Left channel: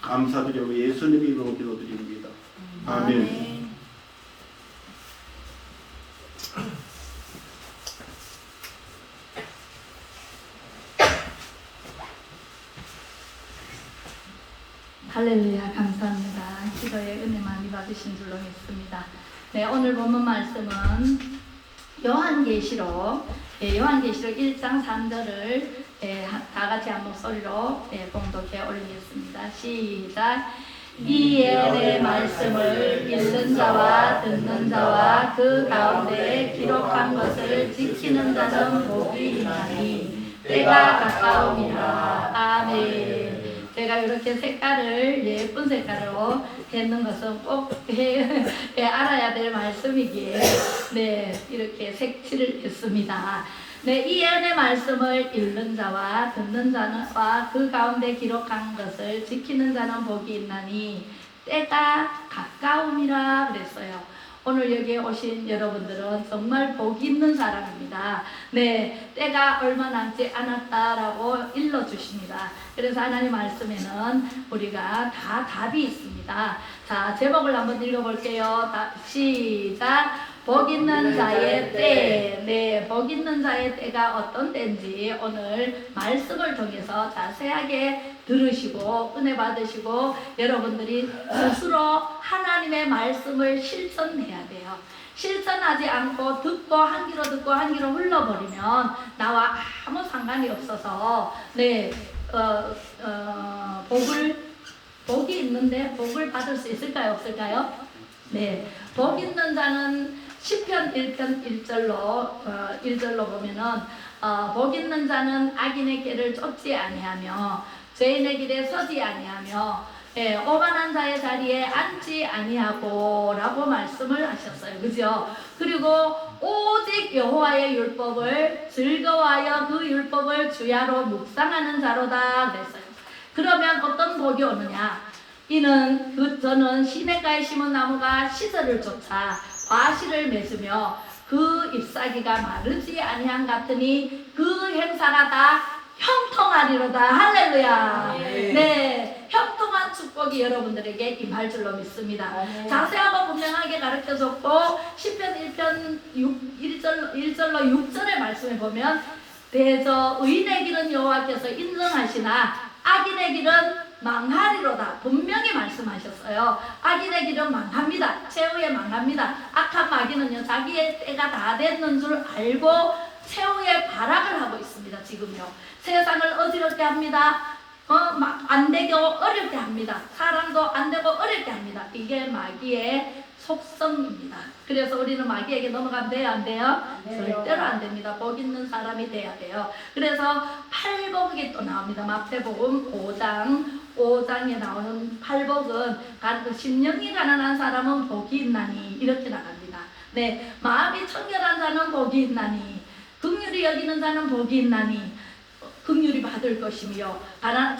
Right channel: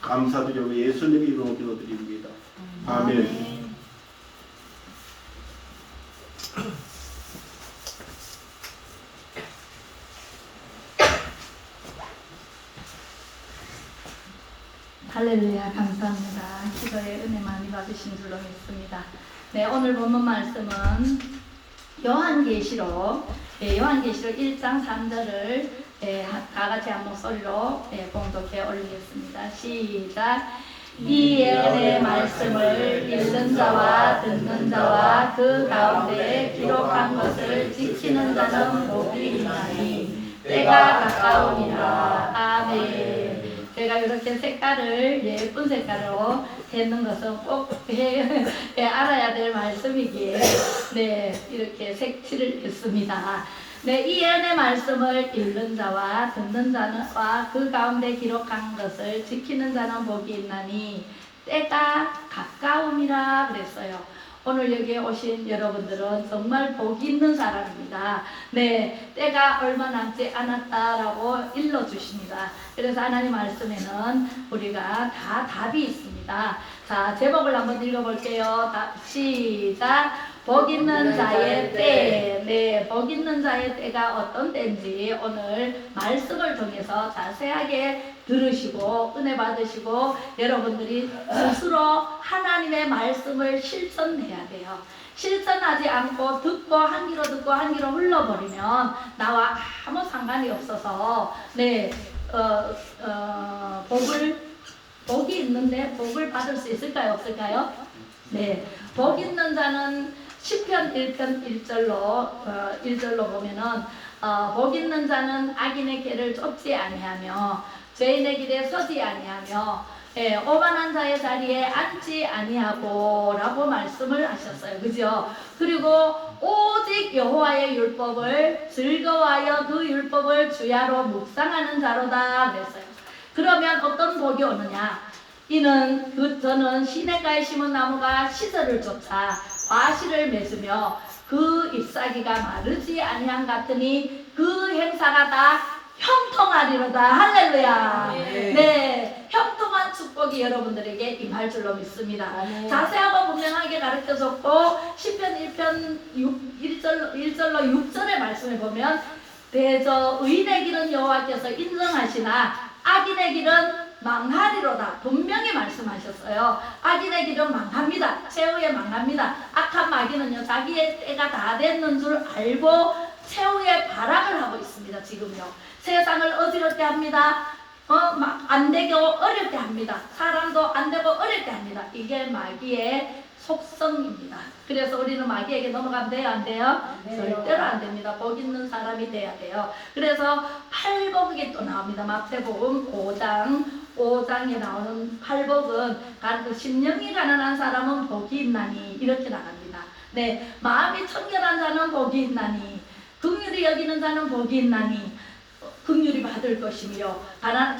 감사드리고 예수님 이름으로 기도드립니다. 아멘. 할렐루야, 감사합니다. 기도의 은혜 많이 받으신 줄로 믿습니다. 네, 오늘 본문 말씀은 요한계시록 1장 3절을 다 같이 한 목소리로 봉독해 올리겠습니다. 시작. 이에 내 말씀을 읽는 자와 듣는 자와 그 가운데 기록한 것을 지키는 자는 복이 있나니 때가 가까우니라. 아멘. 제가 이렇게 색깔을 예쁜 색깔로 했는 것은 꼭 알아야 될 말씀이기에 이렇게 색칠을 했습니다. 이에 내 말씀을 읽는 자와 듣는 자와 그 가운데 기록한 것을 지키는 자는 복이 있나니 때가 가까움이라 그랬어요. 오늘 여기에 오신 여러분들은 정말 복 있는 사람입니다. 때가 얼마 남지 않았다라고 일러주십니다. 그래서 하나님 말씀에는 우리가 다 답이 있습니다. 자, 제목을 한번 읽어볼게요. 시작. 복 있는 자의 때. 복 있는 자의 때가 어떤 때인지 오늘 말씀을 통해서 자세하게 들으시고 은혜 받으시고 여러분들이 스스로 하나님의 말씀을 실천해야 돼요. 실천하지 않고 듣고 한 귀로 듣고 한 귀로 흘러버리면 나와 아무 상관이 없어서 복이 있는데 복을 받을 수 있을까요? 없을까요? 복 있는 자는 시편 1편 1절로 보면은 복 있는 자는 악인의 길을 쫓지 아니하며 죄인의 길에 서지 아니하며 오만한 자의 자리에 앉지 아니하고 라고 말씀을 하셨어요. 그죠? 그리고 오직 여호와의 율법을 즐거워하여 그 율법을 주야로 묵상하는 자로다 그랬어요. 그러면 어떤 복이 오느냐? 이는 저는 시냇가에 심은 나무가 시설을 쫓아 과실을 맺으며 그 잎사귀가 마르지 아니한 같으니 그 행사가 다 형통하리로다. 할렐루야. 형통한 축복이 여러분들에게 임할 줄로 믿습니다. 자세하고 분명하게 가르쳐줬고 시편 1편 1절로 6절의 말씀에 보면 대저 의인의 길은 여호와께서 인정하시나 악인의 길은 망하리로다. 분명히 말씀하셨어요. 악인의 길은 망합니다. 최후에 망합니다. 악한 마귀는요 자기의 때가 다 됐는 줄 알고 최후의 발악을 하고 있습니다. 지금요 세상을 어지럽게 합니다. 안되고 어렵게 합니다. 사람도 안되고 어렵게 합니다. 이게 마귀의 속성입니다. 그래서 우리는 마귀에게 넘어가면 돼요? 안 돼요? 절대로 안 됩니다. 복 있는 사람이 돼야 돼요. 그래서 팔복이 또 나옵니다. 마태복음 5장에 나오는 팔복은 심령이 가난한 사람은 복이 있나니 이렇게 나갑니다. 마음이 청결한 자는 복이 있나니 긍휼히 여기는 자는 복이 있나니 긍휼히 받을 것이며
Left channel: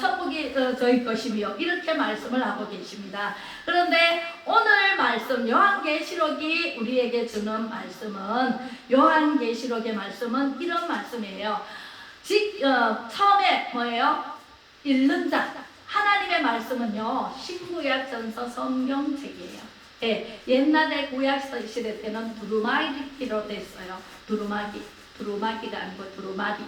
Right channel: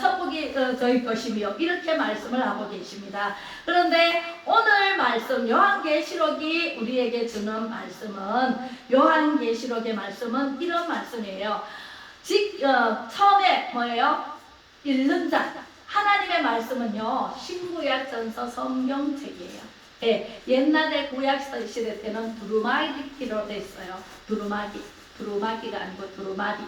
천국이 저희 것이며 이렇게 말씀을 하고 계십니다. 그런데 오늘 말씀 요한계시록이 우리에게 주는 말씀은 요한계시록의 말씀은 이런 말씀이에요. 처음에 뭐예요? 읽는 자 하나님의 말씀은요 신구약전서 성경책이에요. 옛날에 구약 시대 때는 두루마기로 됐어요. 두루마기가 아니고 두루마리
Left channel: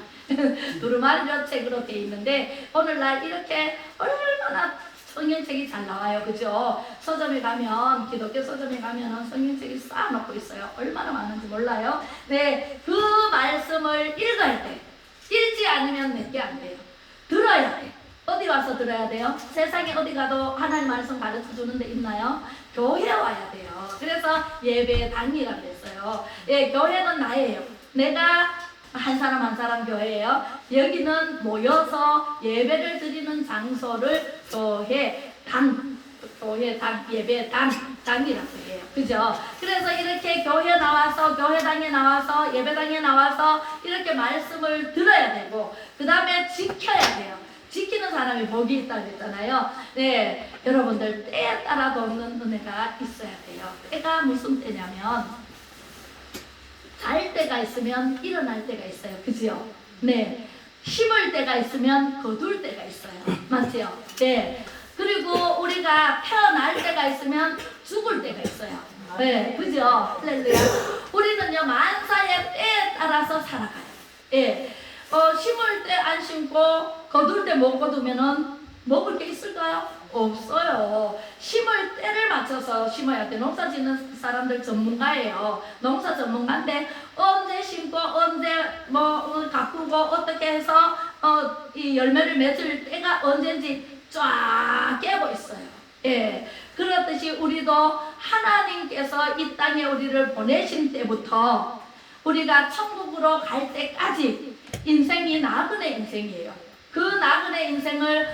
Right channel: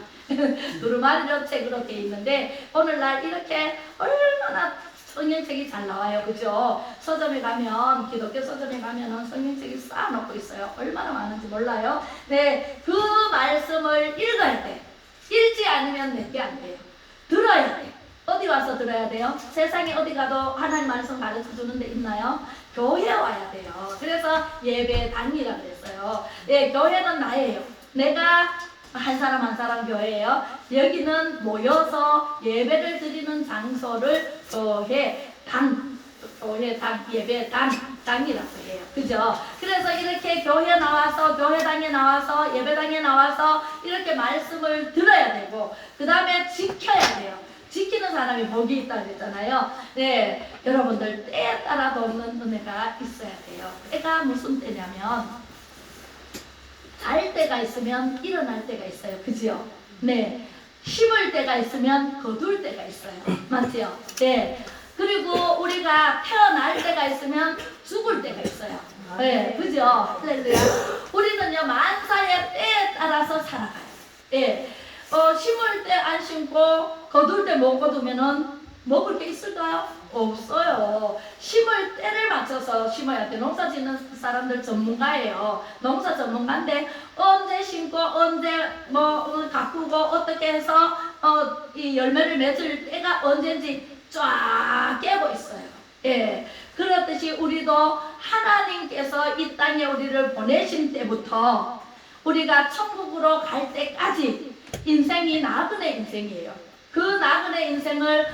두루마리로 책으로 되어 있는데 오늘날 이렇게 얼마나 성경책이 잘 나와요. 그죠? 서점에 가면 기독교 서점에 가면은 성경책이 쌓아놓고 있어요. 얼마나 많은지 몰라요. 그 말씀을 읽을 때 읽지 않으면 내게 안 돼요. 들어야 돼. 어디 와서 들어야 돼요? 세상에 어디 가도 하나님 말씀 가르쳐 주는 데 있나요? 교회 와야 돼요. 그래서 예배당이라고 했어요. 교회는 나예요. 내가 한 사람 한 사람 교회예요. 여기는 모여서 예배를 드리는 장소를 예배당이라고 해요. 그죠? 그래서 이렇게 교회 나와서 교회당에 나와서 예배당에 나와서 이렇게 말씀을 들어야 되고 그 다음에 지켜야 돼요. 지키는 사람이 복이 있다고 했잖아요. 여러분들 때에 따라 돕는 은혜가 있어야 돼요. 때가 무슨 때냐면 잘 때가 있으면 일어날 때가 있어요. 그지요? 심을 때가 있으면 거둘 때가 있어요. 맞지요? 그리고 우리가 태어날 때가 있으면 죽을 때가 있어요. 네, 그죠? 할렐루야. 우리는요, 만사의 때에 따라서 살아가요. 예. 심을 때 안 심고 거둘 때 못 거두면은 먹을 게 있을까요? 없어요. 심을 때를 맞춰서 심어야 돼. 농사 짓는 사람들 전문가예요. 농사 전문가인데 언제 심고 언제 뭐 가꾸고 어떻게 해서 이 열매를 맺을 때가 언제인지 쫙 깨고 있어요. 예. 그렇듯이 우리도 하나님께서 이 땅에 우리를 보내신 때부터 우리가 천국으로 갈 때까지 인생이 나그네 인생이에요. 그 나그네 인생을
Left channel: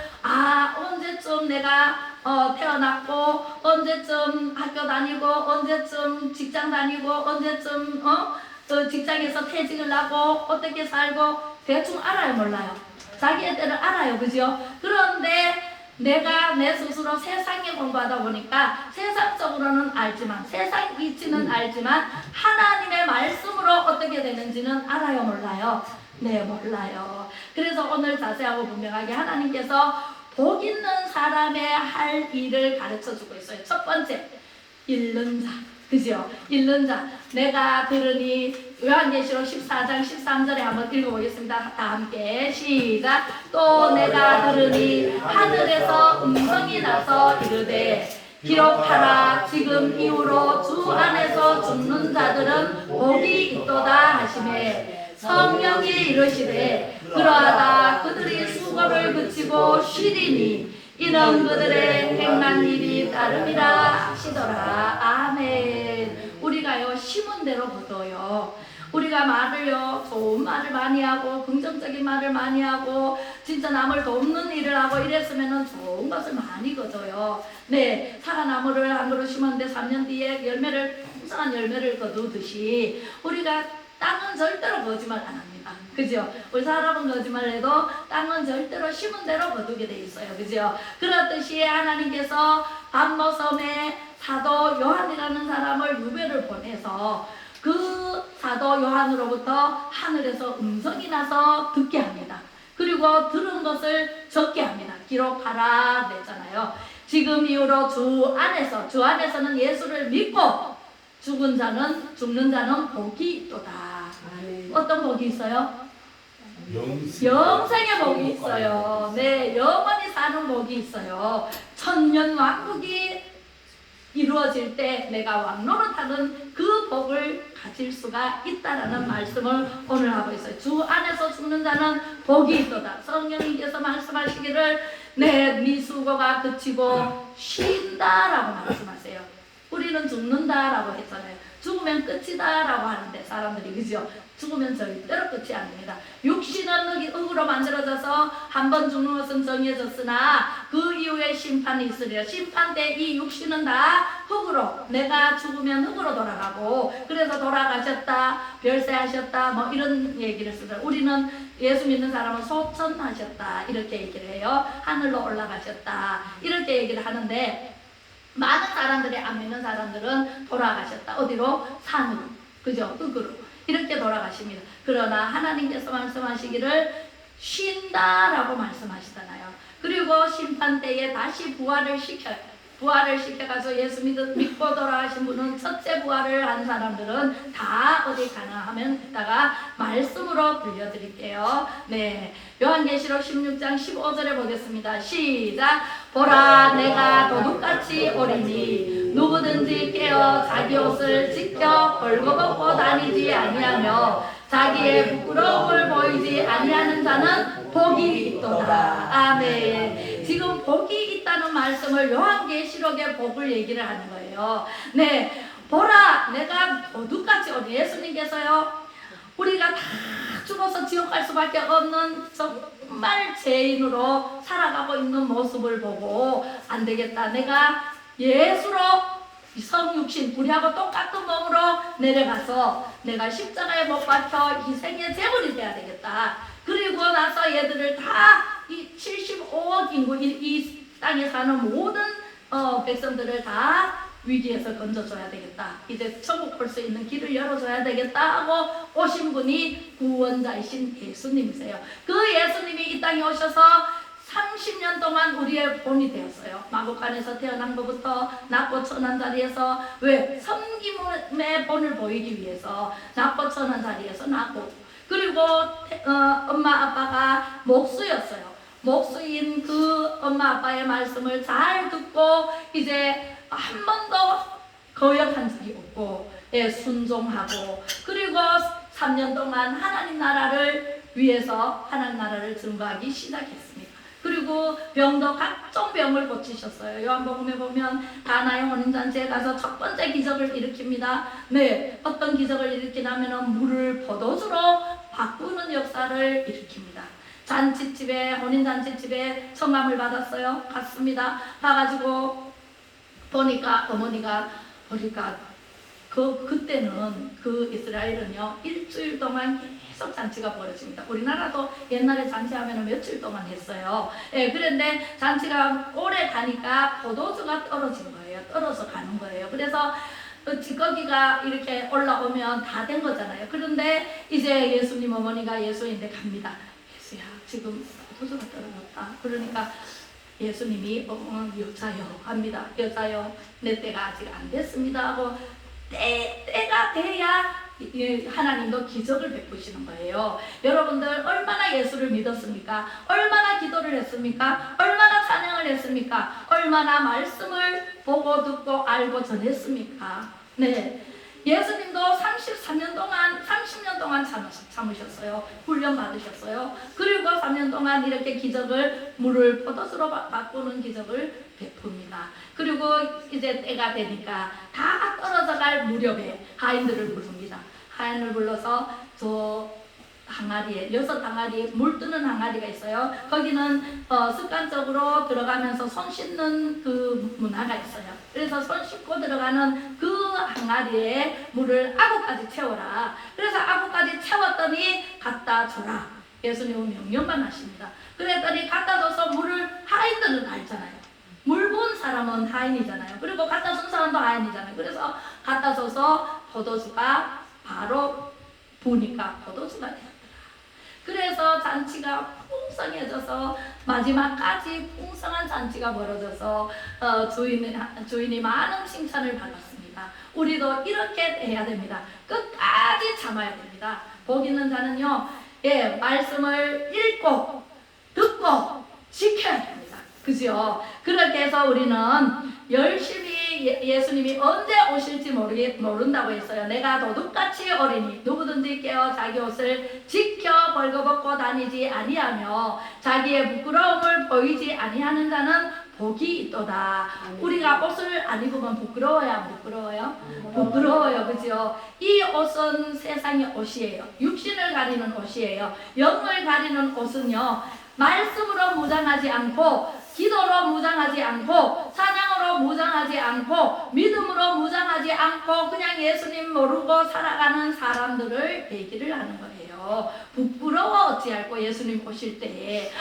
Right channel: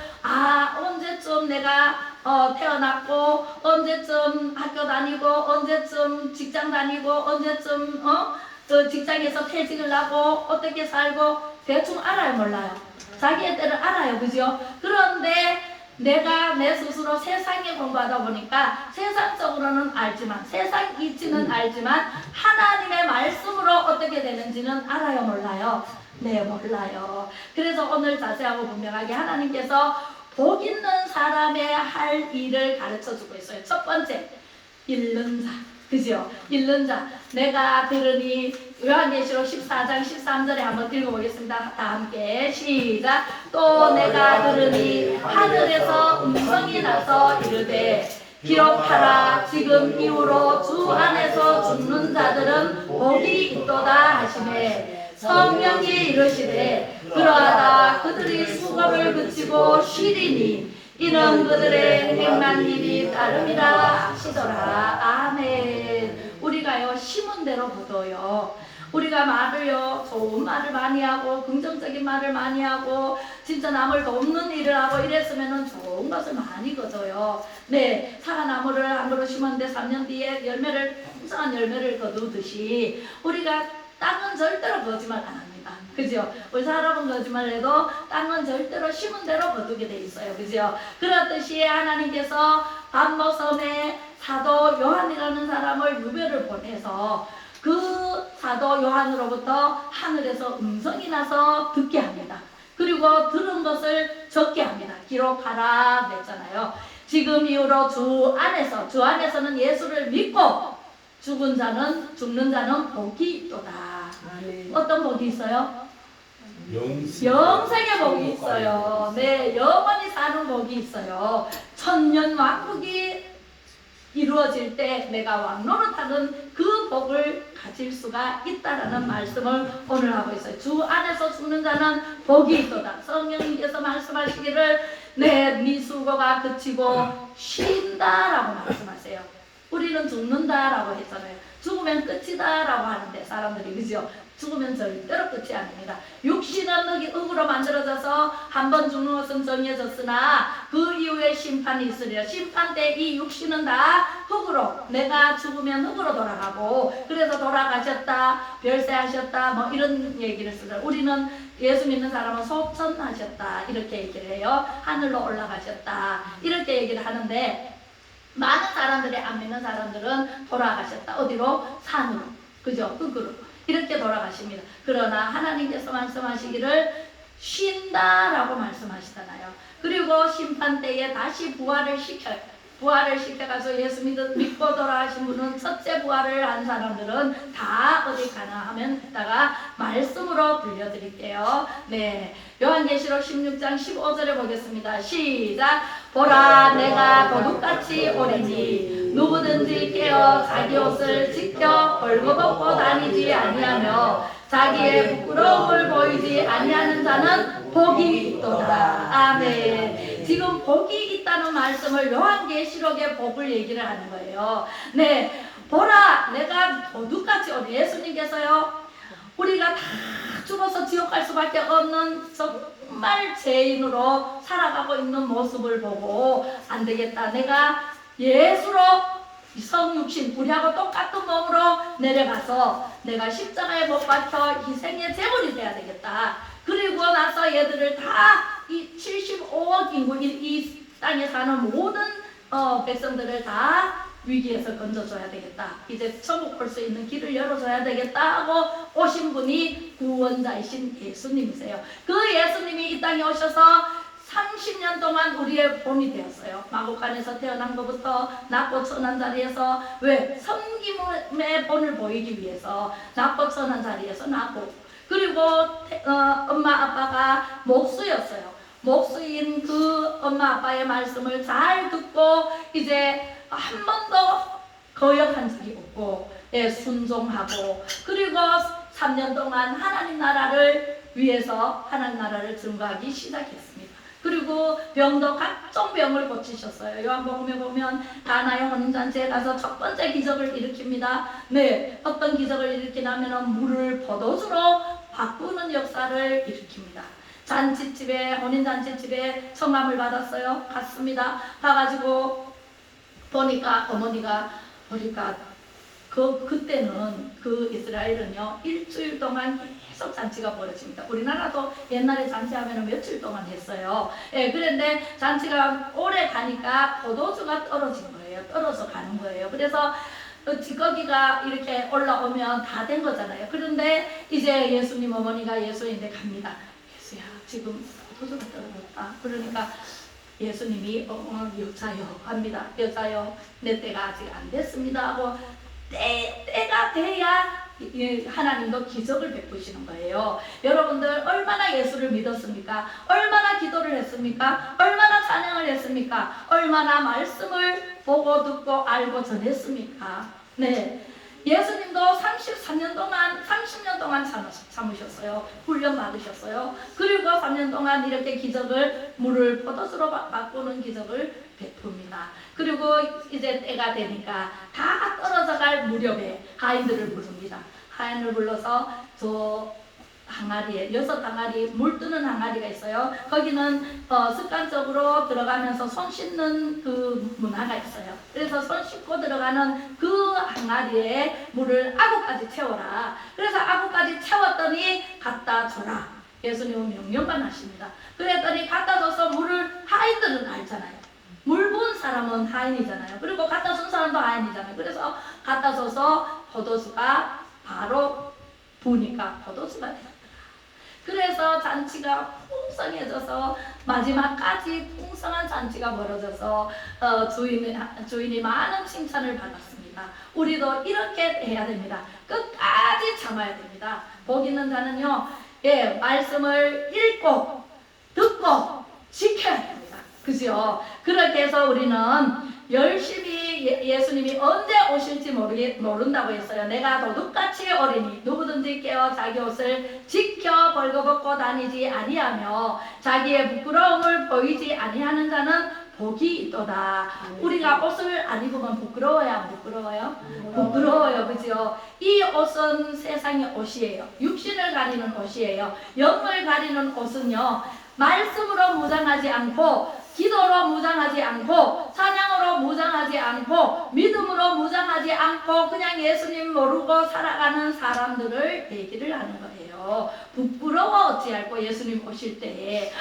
언제쯤 내가 태어났고 언제쯤 학교 다니고 언제쯤 직장 다니고 언제쯤 그 직장에서 퇴직을 하고 어떻게 살고 대충 알아요, 몰라요? 자기의 때를 알아요, 그죠? 그런데 내가 내 스스로 세상에 공부하다 보니까 세상적으로는 알지만 세상 이치는 알지만 하나님의 말씀으로 어떻게 되는지는 알아요, 몰라요? 네, 몰라요. 그래서 오늘 자세하고 분명하게 하나님께서 복 있는 사람의 할 일을 가르쳐 주고 있어요. 첫 번째, 잃는 자. 그죠? 잃는 자. 내가 들으니 요한계시록 14장 13절에 한번 읽어보겠습니다. 다 함께 시작. 또 내가 들으니 하늘에서 음성이 나서 이르되 기록하라. 지금 이후로 주 안에서 죽는 자들은 복이 있도다 하시매 성령이 이르시되 그러하다 그들이 수고를 그치고 쉬리니 이는 그들의 행한 일이 따름이라 하시더라. 아멘. 우리가요 심은 대로 거둬요. 우리가 말을요 좋은 말을 많이 하고 긍정적인 말을 많이 하고 진짜 남을 돕는 일을 하고 이랬으면은 좋은 것을 많이 거둬요. 네, 사과나무를 한 그루 심었는데 3년 뒤에 열매를 풍성한 열매를 거두듯이 우리가 땅은 절대로 거짓말 안 합니다. 그죠? 우리 사람은 거짓말을 해도 땅은 절대로 심은 대로 거두게 돼 있어요. 그죠? 그렇듯이 하나님께서 반모섬에 사도 요한이라는 사람을 유배를 보내서 그 사도 요한으로부터 하늘에서 음성이 나서 듣게 합니다. 그리고 들은 것을 적게 합니다. 기록하라 그랬잖아요. 지금 이후로 주 안에서는 예수를 믿고 죽는 자는 복이 있도다. 어떤 복이 있어요? 영생의 복이 있어요. 네, 영원히 사는 복이 있어요. 천년 왕국이 이루어질 때 내가 왕노릇하는 그 복을 가질 수가 있다라는 말씀을 오늘 하고 있어요. 주 안에서 죽는 자는 복이 있도다. 성령님께서 말씀하시기를 네 수고가 그치고 쉰다라고 말씀하세요. 우리는 죽는다라고 했잖아요. 죽으면 끝이다라고 하는데 사람들이 그죠? 죽으면 절대로 끝이 아닙니다. 육신은 흙으로 만들어져서 한 번 죽는 것은 정해졌으나 그 이후에 심판이 있으리라. 심판 때 이 육신은 다 흙으로 내가 죽으면 흙으로 돌아가고 그래서 돌아가셨다 별세하셨다 뭐 이런 얘기를 쓰더라고요. 우리는 예수 믿는 사람은 소천하셨다 이렇게 얘기를 해요. 하늘로 올라가셨다 이렇게 얘기를 하는데 많은 사람들이 안 믿는 사람들은 돌아가셨다. 어디로? 산으로. 그죠? 흙으로. 이렇게 돌아가십니다. 그러나 하나님께서 말씀하시기를 쉰다라고 말씀하시잖아요. 그리고 심판 때에 다시 부활을 시켜요. 부활을 시켜가지고 예수 믿고 돌아가신 분은 첫째 부활을 한 사람들은 다 어디 가나 하면 이따가 말씀으로 들려드릴게요. 네, 요한계시록 16장 15절에 보겠습니다. 시작. 보라 내가 도둑같이 오리니 누구든지 깨어 자기 옷을 지켜 벌거벗고 다니지 아니하며 자기의 부끄러움을 보이지 아니하는 자는 복이 있도다. 아멘. 지금 복이 있다는 말씀을 요한계시록의 복을 얘기를 하는 거예요. 네, 보라 내가 도둑같이 오니 예수님께서요 우리가 다 죽어서 지옥 갈 수밖에 없는 정말 죄인으로 살아가고 있는 모습을 보고 안 되겠다. 내가 예수로 성육신 우리하고 똑같은 몸으로 내려가서 내가 십자가에 못 박혀 희생의 제물이 돼야 되겠다. 그리고 나서 얘들을 다 이 75억 인구 이 땅에 사는 모든 백성들을 다 위기에서 건져줘야 되겠다. 이제 천국 볼 수 있는 길을 열어줘야 되겠다 하고 오신 분이 구원자이신 예수님이세요. 그 예수님이 이 땅에 오셔서 30년 동안 우리의 본이 되었어요. 마구간에서 태어난 것부터 낳고 천한 자리에서 왜? 섬김의 본을 보이기 위해서 낳고 천한 자리에서 낳고 그리고 엄마 아빠가 목수였어요. 목수인 그 엄마 아빠의 말씀을 잘 듣고 이제 한 번도 거역한 적이 없고 예, 순종하고 그리고 3년 동안 하나님 나라를 위해서 하나님 나라를 증거하기 시작했습니다. 그리고 병도 각종 병을 고치셨어요. 요한복음에 보면 가나의 혼인잔치에 가서 첫 번째 기적을 일으킵니다. 네, 어떤 기적을 일으키냐면 물을 포도주로 바꾸는 역사를 일으킵니다. 잔치집에 혼인잔치집에 청함을 받았어요. 갔습니다. 가가지고 보니까 어머니가 그때는 그 이스라엘은요 일주일 동안 계속 잔치가 벌어집니다. 우리나라도 옛날에 잔치하면 며칠 동안 했어요. 예, 그런데 잔치가 오래 가니까 포도주가 떨어진 거예요. 떨어져 가는 거예요. 그래서 찌꺼기가 이렇게 올라오면 다 된 거잖아요. 그런데 이제 예수님 어머니가 예수인데 갑니다. 예수야 지금 포도주가 떨어졌다. 그러니까 예수님이 여자여 합니다. 여자여 내 때가 아직 안 됐습니다 하고 때가 돼야 하나님도 기적을 베푸시는 거예요. 여러분들 얼마나 예수를 믿었습니까? 얼마나 기도를 했습니까? 얼마나 찬양을 했습니까? 얼마나 말씀을 보고 듣고 알고 전했습니까? 네. 예수님도 30년 동안 참으셨어요. 훈련 받으셨어요. 그리고 3년 동안 이렇게 기적을 물을 포도주로 바꾸는 기적을 베풉니다. 그리고 이제 때가 되니까 다 떨어져 갈 무렵에 하인들을 부릅니다. 하인을 불러서 저 항아리에 6항아리 물 뜨는 항아리가 있어요. 거기는 습관적으로 들어가면서 손 씻는 그 문화가 있어요. 그래서 손 씻고 들어가는 그 항아리에 물을 아구까지 채워라. 그래서 아구까지 채웠더니 갖다 줘라. 예수님은 명령만 하십니다. 그랬더니 갖다 줘서 물을 하인들은 알잖아요. 물 부은 사람은 하인이잖아요. 그리고 갖다 준 사람도 하인이잖아요. 그래서 갖다 줘서 포도주가 바로 부으니까 포도주가 돼요. 그래서 잔치가 풍성해져서 마지막까지 풍성한 잔치가 벌어져서 주인이 많은 칭찬을 받았습니다. 우리도 이렇게 해야 됩니다. 끝까지 참아야 됩니다. 복 있는 자는요, 예, 말씀을 읽고 듣고 지켜야 됩니다. 그죠? 그렇게 해서 우리는 열심히 예수님이 언제 오실지 모른다고 했어요. 내가 도둑같이 어리니 누구든지 깨어 자기 옷을 지켜 벌거벗고 다니지 아니하며 자기의 부끄러움을 보이지 아니하는 자는 복이 있도다. 우리가 옷을 안 입으면 부끄러워요? 안 부끄러워요? 부끄러워요. 그죠? 이 옷은 세상의 옷이에요. 육신을 가리는 옷이에요. 영을 가리는 옷은요, 말씀으로 무장하지 않고 기도로 무장하지 않고 찬양으로 무장하지 않고 믿음으로 무장하지 않고 그냥 예수님 모르고 살아가는 사람들을 얘기를 하는 거예요. 부끄러워 어찌할꼬 예수님 오실 때에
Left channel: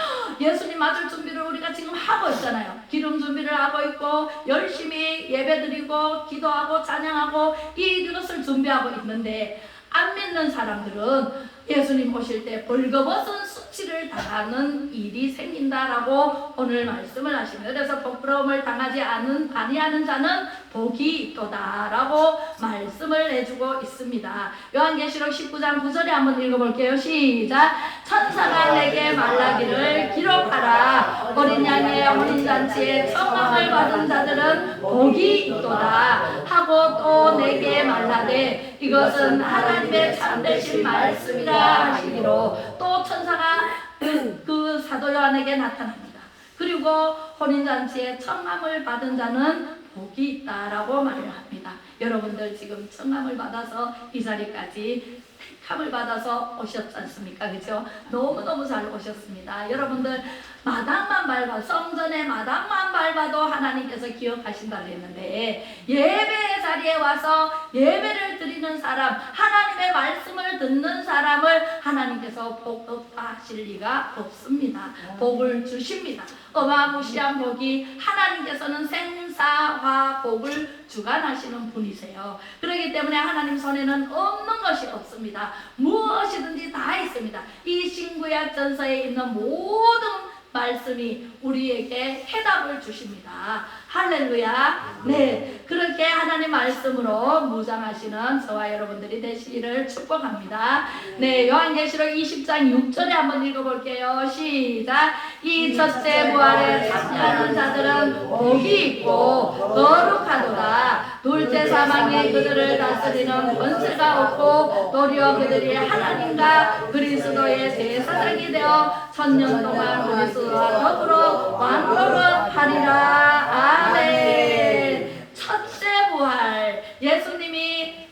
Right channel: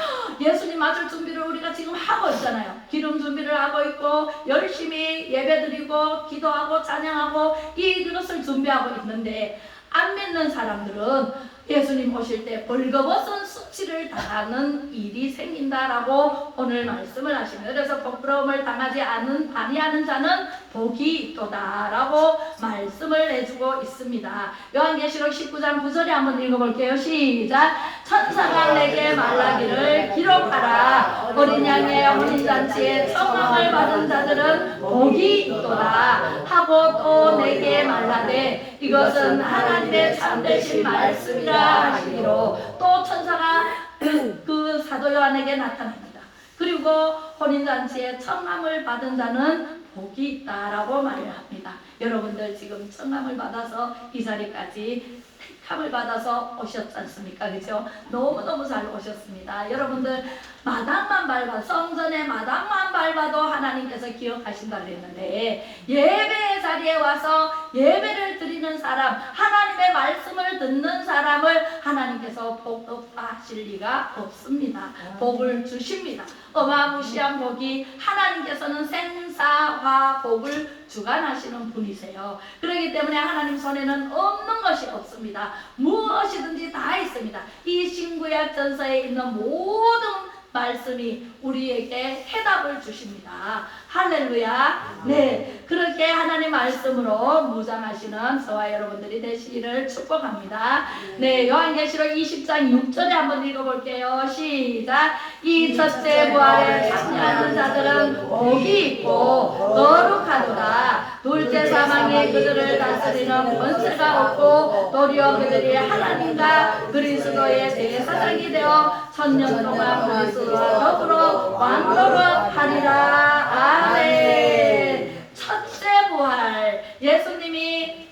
예수님 맞을 준비를 우리가 지금 하고 있잖아요. 기름 준비를 하고 있고 열심히 예배드리고 기도하고 찬양하고 이것을 준비하고 있는데 안 믿는 사람들은 예수님 오실 때 벌거벗은 수치를 당하는 일이 생긴다라고 오늘 말씀을 하십니다. 그래서 부끄러움을 당하지 아니하는 자는 복이 있도다라고 말씀을 해주고 있습니다. 요한계시록 19장 9절에 한번 읽어볼게요. 시작. 천사가 내게 말하기를 기록하라. 어린 양의 혼인잔치에 청함을 받은 자들은 복이 있도다 하고 또 내게 말하되 이것은 하나님의 참되신 말씀이라 하시기로 또 천사가 그 사도 요한에게 나타납니다. 그리고 혼인잔치에 청함을 받은 자는 복이 있다라고 말을 합니다. 여러분들 지금 청함을 받아서 이 자리까지 택함을 받아서 오셨지 않습니까? 그죠? 너무너무 잘 오셨습니다. 여러분들 마당만 밟아 성전의 마당만 밟아도 하나님께서 기억하신다고 했는데 예배 자리에 와서 예배를 드리는 사람, 하나님의 말씀을 듣는 사람을 하나님께서 복하실 리가 없습니다. 복을 주십니다. 어마무시한 복이 하나님께서는 생사화 복을 주관하시는 분이세요. 그렇기 때문에 하나님 손에는 없는 것이 없습니다. 무엇이든지 다 있습니다. 이 신구약 전서에 있는 모든 말씀이 우리에게 해답을 주십니다. 할렐루야. 네, 그렇게 하나님 말씀으로 무장하시는 저와 여러분들이 되시기를 축복합니다. 네, 요한계시록 20장 6절에 한번 읽어볼게요. 시작. 이 첫째 부활을 참여하는 자들은 복이 있고 거룩하도다. 둘째 사망에 그들을 다스리는 권세가 없고 도리어 그들이 하나님과 그리스도의 대사장이 되어 천년 동안 그리스도와 더불어 왕노릇하리라. 아멘. 첫째 부활, 예수님이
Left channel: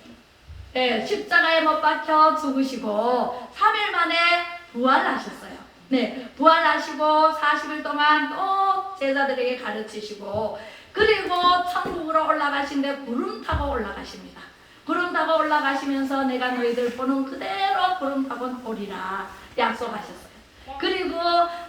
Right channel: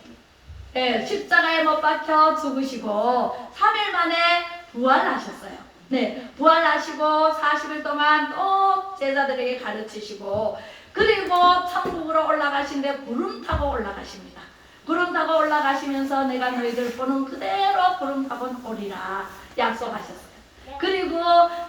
십자가에 못 박혀 죽으시고 3일 만에 부활하셨어요. 네, 부활하시고 40일 동안 또 제자들에게 가르치시고, 그리고 천국으로 올라가신데 구름 타고 올라가십니다. 구름 타고 올라가시면서 내가 너희들 보는 그대로 구름 타고 오리라 약속하셨어요. 그리고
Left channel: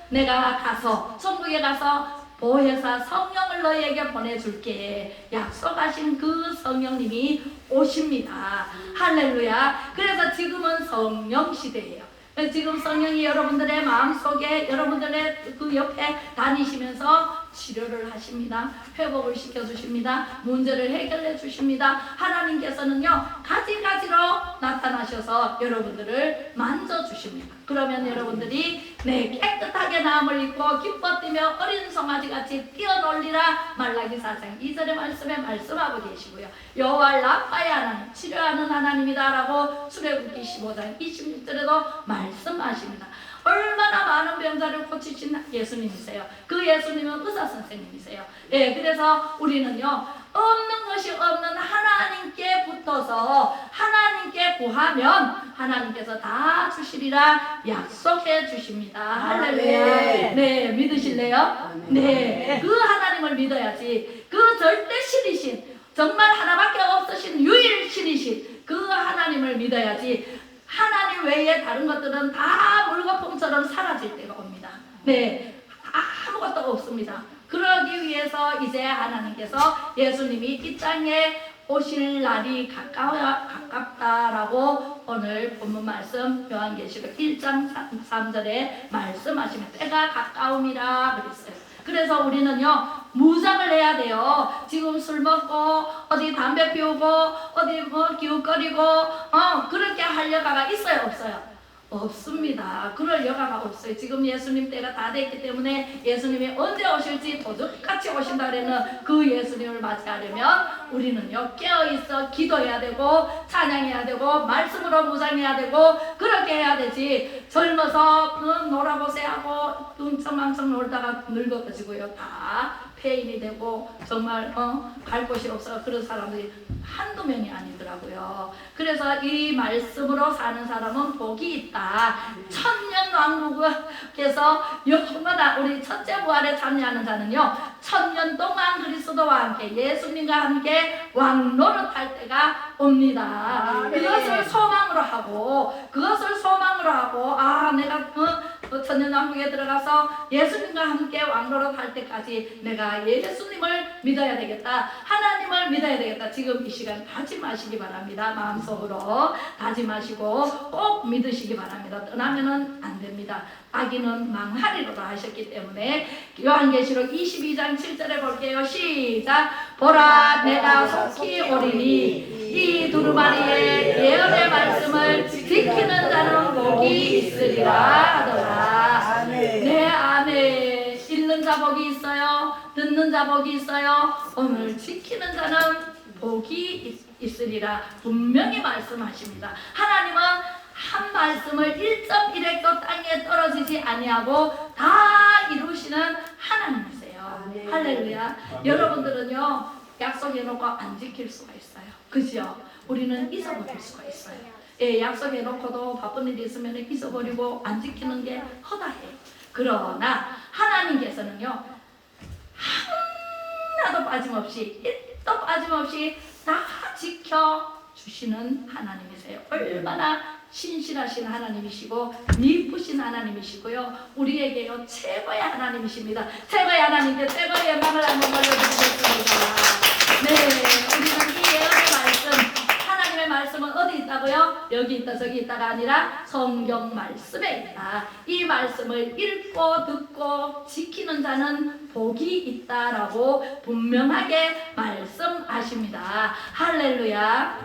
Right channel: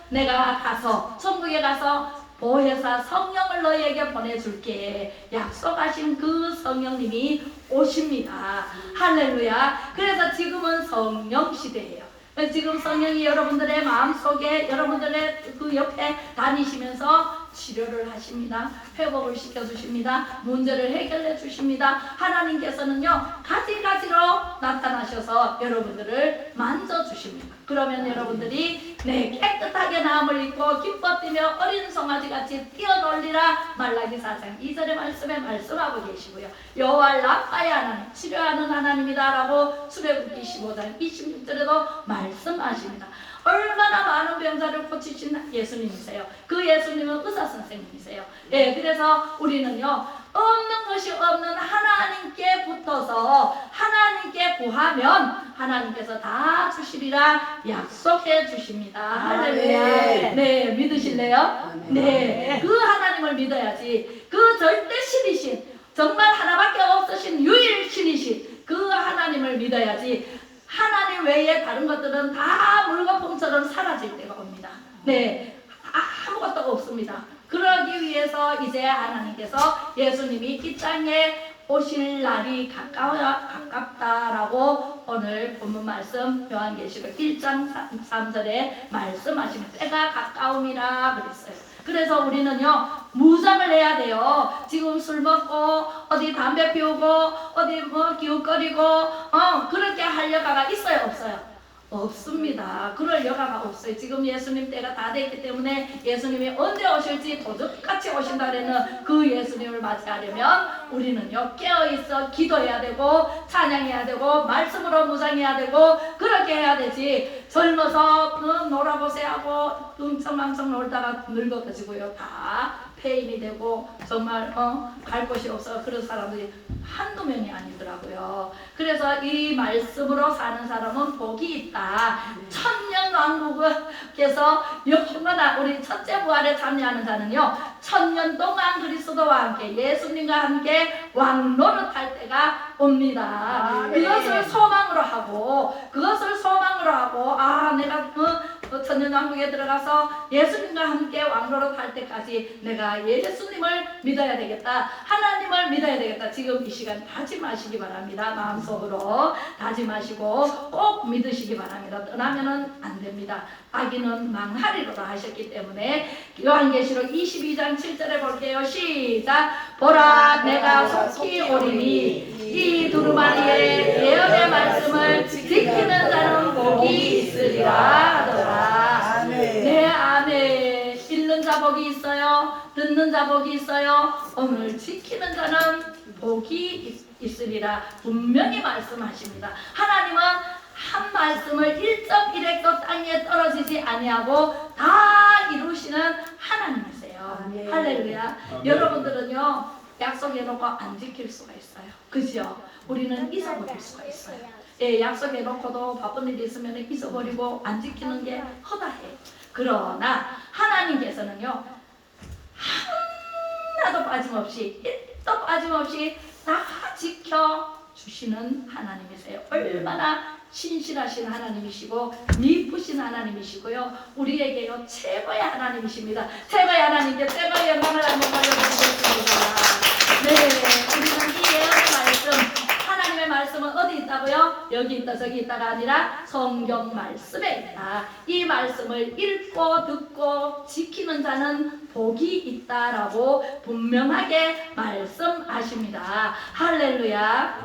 내가 가서 천국에 가서 보혜사 성령을 너희에게 보내줄게 약속하신 그 성령님이 오십니다. 할렐루야. 그래서 지금은 성령 시대예요. 지금 성령이 여러분들의 마음속에, 여러분들의 그 옆에 다니시면서 치료를 하십니다. 회복을 시켜주십니다. 문제를 해결해 주십니다. 하나님께서는요, 가지가지로 나타나셔서 여러분들을 만져주십니다. 그러면 여러분들이 깨끗하게 나음을 입고 기뻐 뛰며 어린 송아지같이 뛰어놀리라. 말라기 4장 2절의 말씀에 말씀하고 계시고요. 여호와 라파의 하나님, 치료하는 하나님이다 라고 출애굽기 15장 26절에도 말씀하십니다. 얼마나 많은 병자를 고치신 예수님이세요. 그 예수님은 의사 선생님이세요. 그래서 우리는요, 없는 것이 없는 하나님께 붙어서 하나님께 구하면 하나님께서 다 주시리라 약속해 주십니다. 할렐루야. 네, 믿으실래요? 네, 그 하나님을 믿어야지. 그 절대 신이신, 정말 하나밖에 없으신 유일 신이신 그 하나님을 믿어야지. 하나님 외에 다른 것들은 다 물거품처럼 사라질 때가 옵니다. 네, 아무것도 없습니다. 그러기 위해서 이제 하나님께서 예수님이 이 땅에 오실 날이 가깝다라고 오늘 본문 말씀 요한계시록 1장 3절에 말씀하십니다. 때가 가까움이라 그랬어요. 그래서 우리는요, 무장을 해야 돼요. 지금 술 먹고 어디 담배 피우고 어디 기웃거리고 그렇게 할 여가가 있어요, 없어요? 없습니다. 그럴 여가가 없어요. 지금 예수님 때가 다 됐기 때문에 예수님이 언제 오실지 도적같이 오신다 그랬는 그 예수님을 맞이하려면 우리는요, 깨어있어 기도해야 되고 찬양해야 되고 말씀으로 무장해야 되고 그렇게 해야 되지. 젊어서 놀아보세 하고 웅청망청 놀다가 늙어가지고요, 다 폐인이 되고 정말 갈 곳이 없어 그런 사람들이 한두 명이 아니더라고요. 그래서 이 말씀으로 사는 사람은 복이 있다. 천년 왕국에서 영원한 우리 첫째 부활에 참여하는 자는요, 천년 동안 그리스도와 함께 예수님과 함께 왕노릇할 때가 옵니다. 그것을 소망으로 하고 내가 천년 왕국에 들어가서 예수님과 함께 왕노릇할 때까지 내가 예수님을 믿어야 되겠다. 하나님을 믿어야 되겠다. 지금 이 시간 다짐하시기 바랍니다. 마음속으로 다짐하시고 꼭 믿으시기 바랍니다. 떠나면은 안 됩니다. 악인은 망하리로다 하셨기 때문에 요한계시록 22장 7절에 볼게요. 시작. 보라, 내가 속히 오리니 이 두루마리의 예언의 말씀을 지키는 자는 복이 있으리라 하더라. 네, 아멘. 읽는 자 복이 있어요. 듣는 자 복이 있어요. 오늘 지키는 자는 복이 있으리라 분명히 말씀하십니다. 하나님은 한 말씀을 1.1획도 땅에 떨어지지 아니하고 다 이루시는 하나님이세요. 아멘. 할렐루야. 아멘. 여러분들은요, 약속해놓고 안 지킬 수가 있어요. 그죠? 우리는 잊어버릴 수가 있어요. 약속해놓고도 바쁜 일이 있으면 잊어버리고 안 지키는 게 허다해요. 그러나 하나님께서는요, 하나도 빠짐없이 1도 빠짐없이 다 지켜주시는 하나님이세요. 얼마나 신실하신 하나님이시고 미쁘신 하나님이시고요, 우리에게요 최고의 하나님이십니다. 최고의 하나님께 최고의 영광을 한번 돌려드리겠습니다. 네, 우리는 이 예언의 말씀, 하나님의 말씀은 어디 있다고요? 여기 있다 저기 있다가 아니라 성경 말씀에 있다. 이 말씀을 읽고 듣고 지키는 자는 복이 있다라고 분명하게 말씀하십니다. 할렐루야.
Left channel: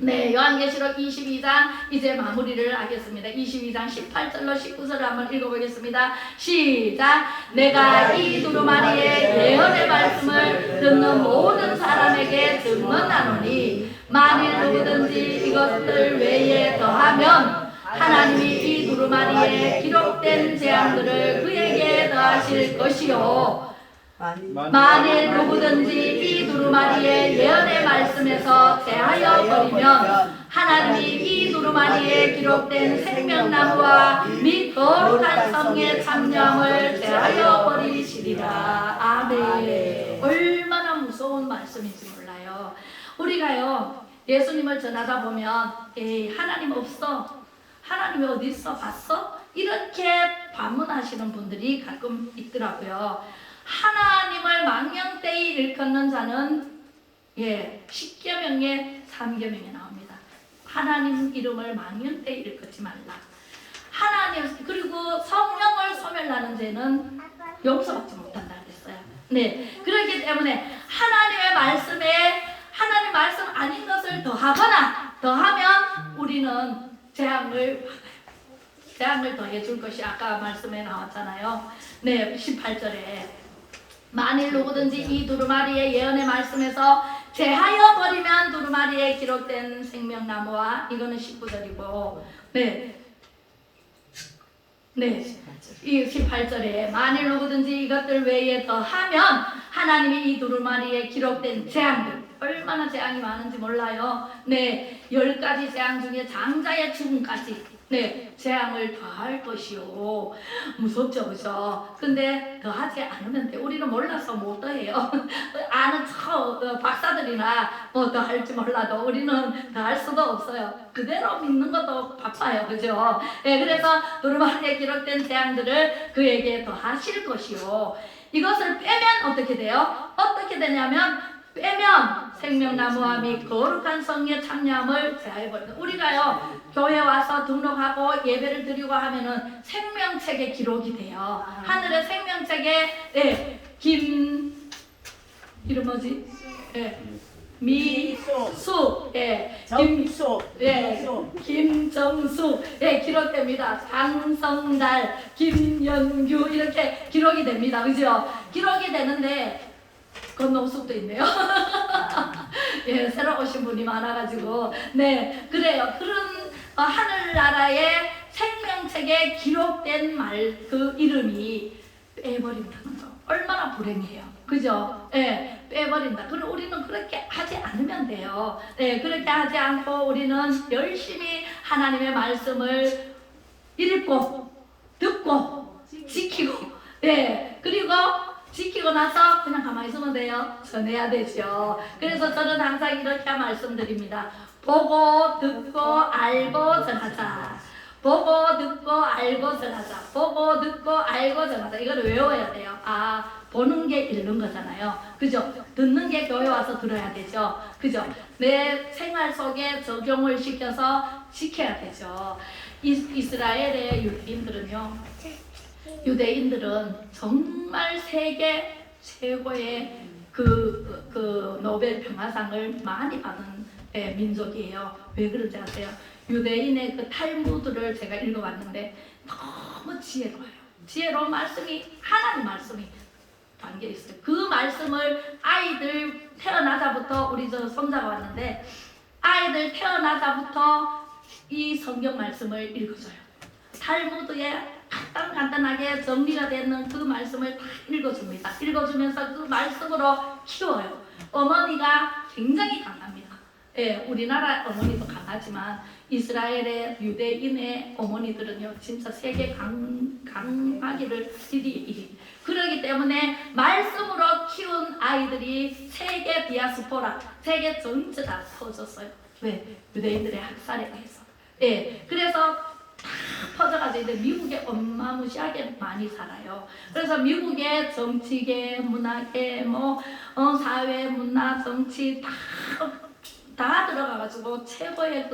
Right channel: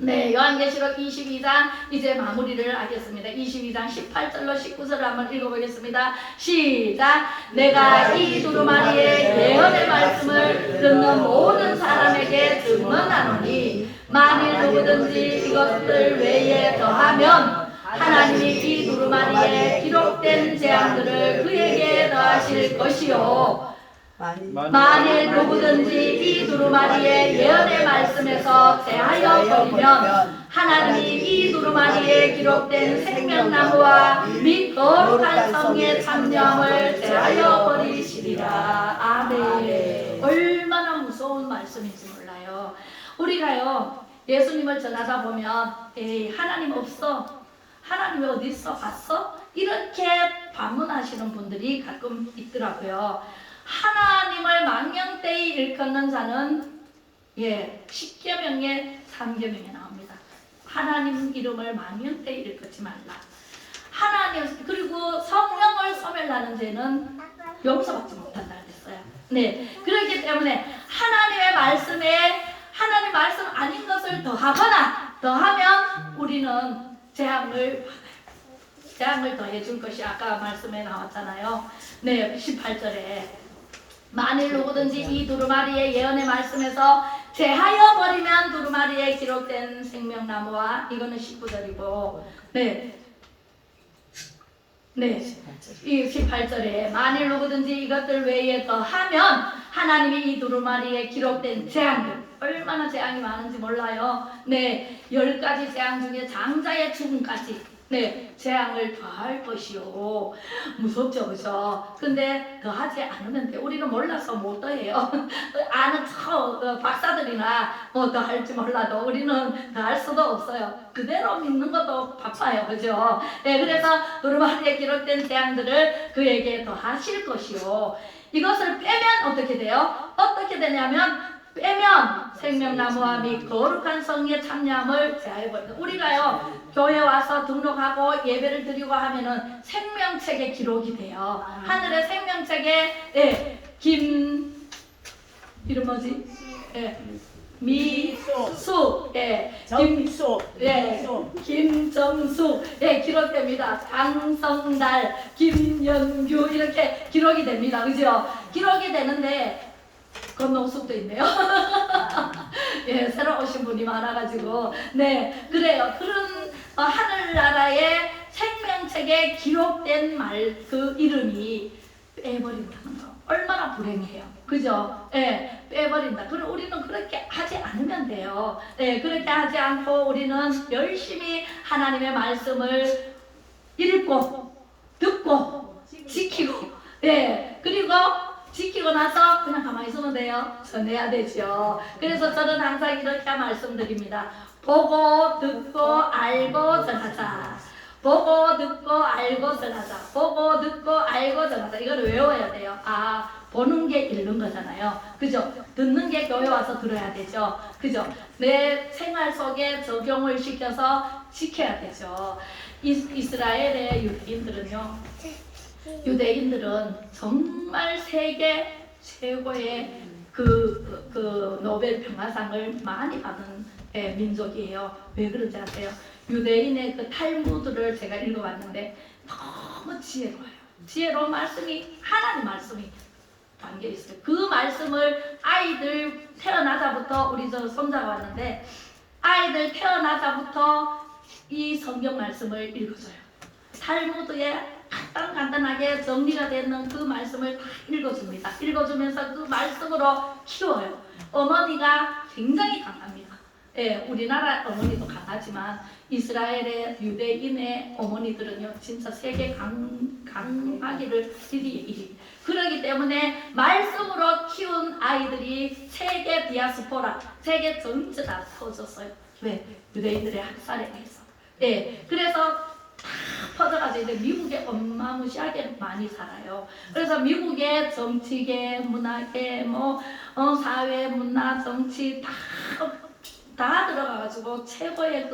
네, 요한계시록 22장 이제 마무리를 하겠습니다. 22장 18절로 19절을 한번 읽어보겠습니다. 시작. 내가 이 두루마리의 예언의 말씀을 듣는 모든 사람에게 증언하노니 만일 누구든지 이것들 외에 더하면 하나님이 이 두루마리에 기록된 재앙들을 그에게 더하실 것이요 만일 누구든지 이 두루마리의 예언의 말씀에서 제하여 버리면 하나님이 이 두루마리에 기록된 생명나무와 및 거룩한 성의 참정을 제하여 버리시리라. 아멘. 얼마나 무서운 말씀인지 몰라요. 우리가요 예수님을 전하다 보면 에이, 하나님 없어, 하나님이 어디 있어 봤어? 이렇게 반문하시는 분들이 가끔 있더라고요. 하나님을 망령되이 일컫는 자는 십계명의 3계명에 나옵니다. 하나님 이름을 망령되이 일컫지 말라. 하나님 그리고 성령을 소멸하는 죄는 용서받지 못한다 그랬어요. 네, 그렇기 때문에 하나님의 말씀에 하나님 말씀 아닌 것을 더하거나 더하면 우리는 재앙을 받아요. 재앙을 더해 줄 것이 아까 말씀에 나왔잖아요. 네, 18절에 만일 누구든지 이 두루마리의 예언의 말씀에서 제하여 버리면 두루마리에 기록된 생명나무와 이거는 19절이고 이 18절에 만일 누구든지 이것들 외에 더하면 하나님이 이 두루마리에 기록된 재앙들 얼마나 재앙이 많은지 몰라요. 네, 10가지 재앙 중에 장자의 죽음까지 재앙을 더할 것이요. 무섭죠, 그죠? 근데 더하지 않으면 돼. 우리는 몰라서 못 더해요. 아는 박사들이나 뭐 더할지 몰라도 우리는 더할 수도 없어요. 그대로 믿는 것도 바빠요, 그죠? 그래서 두루마리에 기록된 재앙들을 그에게 더하실 것이요. 이것을 빼면 어떻게 돼요? 어떻게 되냐면 빼면 생명나무와 및 거룩한 성의 참여함을 제하여버린다. 우리가요 교회 와서 등록하고 예배를 드리고 하면은 생명책에 기록이 돼요. 하늘의 생명책에 이름 뭐지? 미수, 김정수, 기록됩니다. 장성달, 김연규 이렇게 기록이 됩니다. 그죠? 기록이 되는데 건너수도 있네요. 새로 오신 분이 많아가지고 그래요. 그런 하늘나라의 생명책에 기록된 그 이름이 빼버린다는 거 얼마나 불행해요. 그죠? 빼버린다. 그럼 우리는 그렇게 하지 않으면 돼요. 그렇게 하지 않고 우리는 열심히 하나님의 말씀을 읽고 듣고 지키고 그리고 지키고 나서 그냥 가만히 있으면 돼요? 전해야 되죠. 그래서 저는 항상 이렇게 말씀드립니다. 보고 듣고 알고 전하자. 보고 듣고 알고 전하자. 보고 듣고 알고 전하자. 이걸 외워야 돼요. 보는 게 읽는 거잖아요. 그죠? 듣는 게 교회 와서 들어야 되죠. 그죠? 내 생활 속에 적용을 시켜서 지켜야 되죠. 이스라엘의 유대인들은 정말 세계 최고의 그 노벨 평화상을 많이 받은 민족이에요. 왜 그런지 아세요? 유대인의 그 탈무드를 제가 읽어봤는데 너무 지혜로워요. 지혜로운 말씀이 하나님 말씀이 담겨 있어요. 그 말씀을 아이들 태어나자부터 우리 저 손자가 왔는데 아이들 태어나자부터 이 성경 말씀을 읽어줘요. 탈무드에 간단하게 정리가 되는 그 말씀을 다 읽어줍니다. 읽어주면서 그 말씀으로 키워요. 어머니가 굉장히 강합니다. 우리나라 어머니도 강하지만 이스라엘의 유대인의 어머니들은요 진짜 세계 강하기를 일이 그렇기 때문에 말씀으로 키운 아이들이 세계 디아스포라 세계 전체 다 퍼졌어요. 왜? 유대인들의 학살에 의해서. 그래서 다 퍼져가지고 이제 미국에 어마무시하게 많이 살아요. 그래서 미국의 정치계, 문화계, 사회, 문화, 정치 다 다 들어가가지고 최고의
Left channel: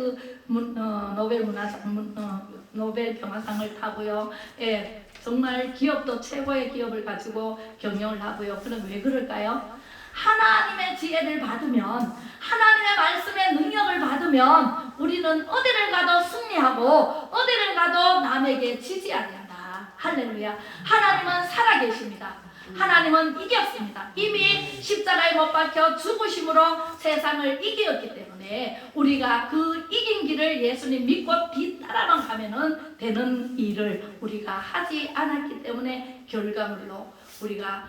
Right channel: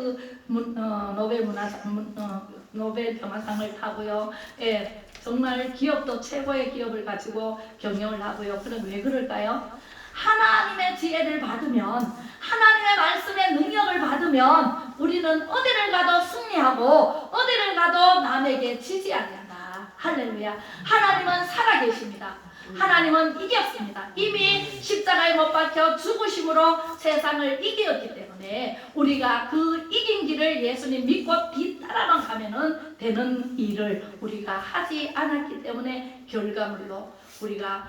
노벨 평화상을 타고요. 예, 정말 기업도 최고의 기업을 가지고 경영을 하고요. 그럼 왜 그럴까요? 하나님의 지혜를 받으면, 하나님의 말씀의 능력을 받으면 우리는 어디를 가도 승리하고 어디를 가도 남에게 지지 않는다. 할렐루야. 하나님은 살아계십니다. 하나님은 이겼습니다. 이미 십자가에 못 박혀 죽으심으로 세상을 이겼기 때문에 우리가 그 이긴 길을 예수님 믿고 뒤따라만 가면은 되는 일을 우리가 하지 않았기 때문에 결과물로 우리가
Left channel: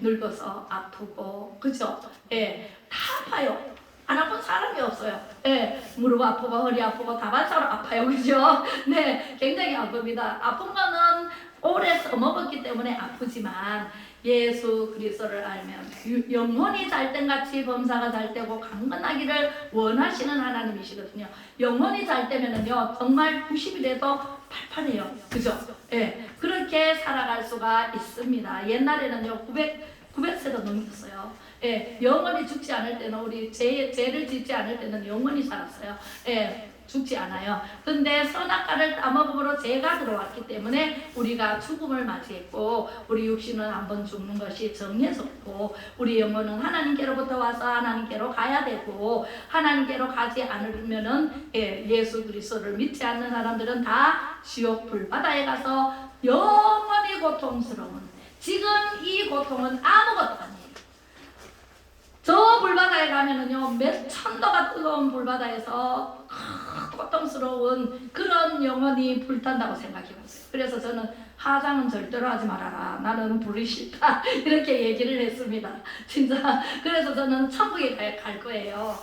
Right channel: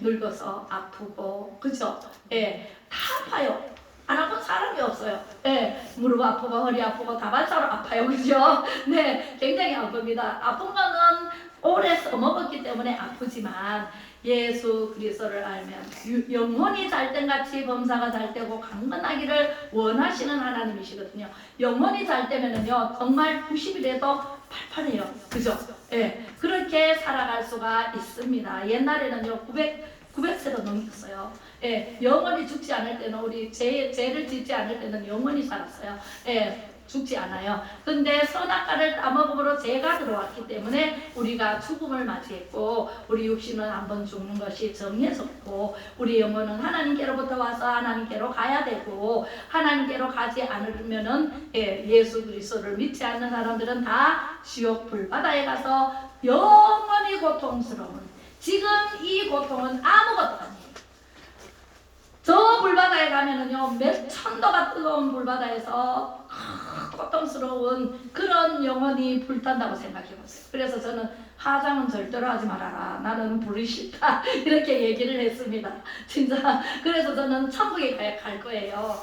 늙어서 아프고, 그죠? 다 아파요. 안 아픈 사람이 없어요. 무릎 아프고 허리 아프고 다발사로 아파요. 그죠? 네, 굉장히 아픕니다. 아픈 거는 오래 써먹었기 때문에 아프지만 예수 그리스도를 알면 영혼이 잘된같이 범사가 잘되고 강건하기를 원하시는 하나님이시거든요. 영혼이 잘되면은요 정말 90이라도 팔팔해요. 그죠? 그렇게 살아갈 수가 있습니다. 옛날에는요 900세도 넘겼어요. 영원히 죽지 않을 때는, 우리 죄를 짓지 않을 때는 영원히 살았어요. 죽지 않아요. 근데 선악과를 따먹음으로 죄가 들어왔기 때문에 우리가 죽음을 맞이했고, 우리 육신은 한번 죽는 것이 정해졌고, 우리 영혼은 하나님께로부터 와서 하나님께로 가야 되고, 하나님께로 가지 않으면은 예수 그리스도를 믿지 않는 사람들은 다 지옥 불바다에 가서 영원히 고통스러운, 지금 이 고통은 아무것도 아니에요. 저 불바다에 가면은요 몇 천도가 뜨거운 불바다에서 고통스러운 그런 영혼이 불탄다고 생각해보세요. 그래서 저는 화장은 절대로 하지 말아라, 나는 불이 싫다, 이렇게 얘기를 했습니다. 진짜. 그래서 저는 천국에 갈 거예요.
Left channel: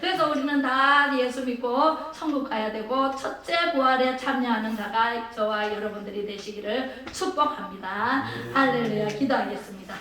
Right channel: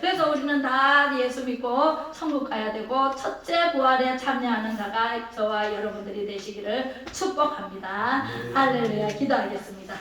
그래서 우리는 다 예수 믿고 천국 가야 되고, 첫째 부활에 참여하는 자가 저와 여러분들이 되시기를 축복합니다. 할렐루야. 기도하겠습니다.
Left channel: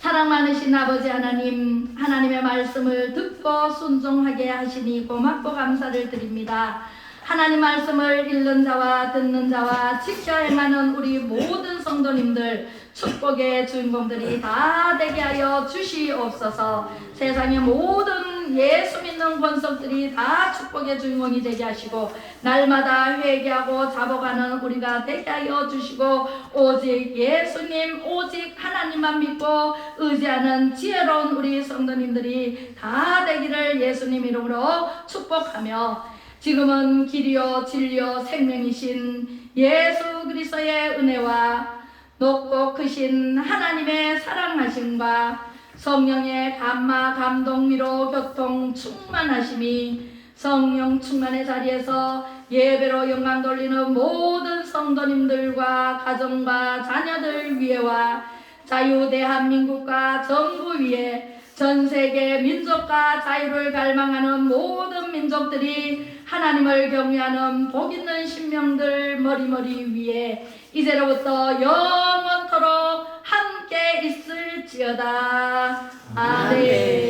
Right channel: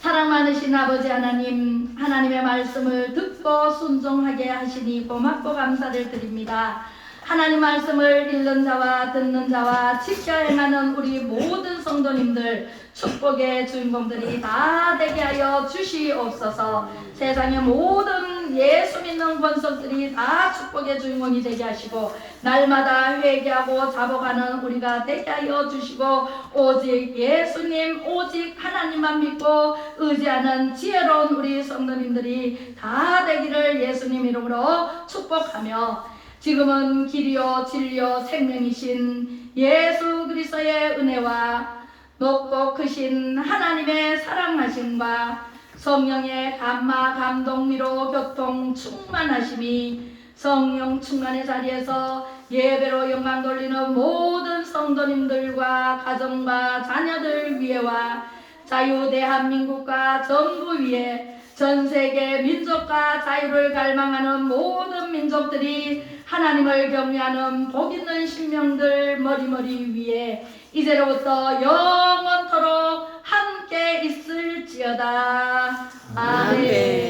사랑 많으신 아버지 하나님, 하나님의 말씀을 듣고 순종하게 하시니 고맙고 감사를 드립니다. 하나님 말씀을 읽는 자와 듣는 자와 지켜 행하는 우리 모든 성도님들, 축복의 주인공들이 다 되게 하여 주시옵소서. 세상의 모든 예수 믿는 권속들이 다 축복의 주인공이 되게 하시고, 날마다 회개하고 잡아가는 우리가 되게 하여 주시고, 오직 예수님, 오직 하나님만 믿고 의지하는 지혜로운 우리 성도님들이 다 되기를 예수님 이름으로 축복하며, 지금은 길이요 진리요 생명이신 예수 그리스도의 은혜와 높고 크신 하나님의 사랑하심과 성령의 감화 감동 위로 교통 충만하심이 성령 충만의 자리에서 예배로 영광 돌리는 모든 성도님들과 가정과 자녀들 위에와 자유 대한민국과 정부 위에 전 세계 민족과 자유를 갈망하는 모든 민족들이 하나님을 경외하는 복 있는 신명들 머리머리 위에 이제로부터 영원토록 함께 있을지어다. 아멘.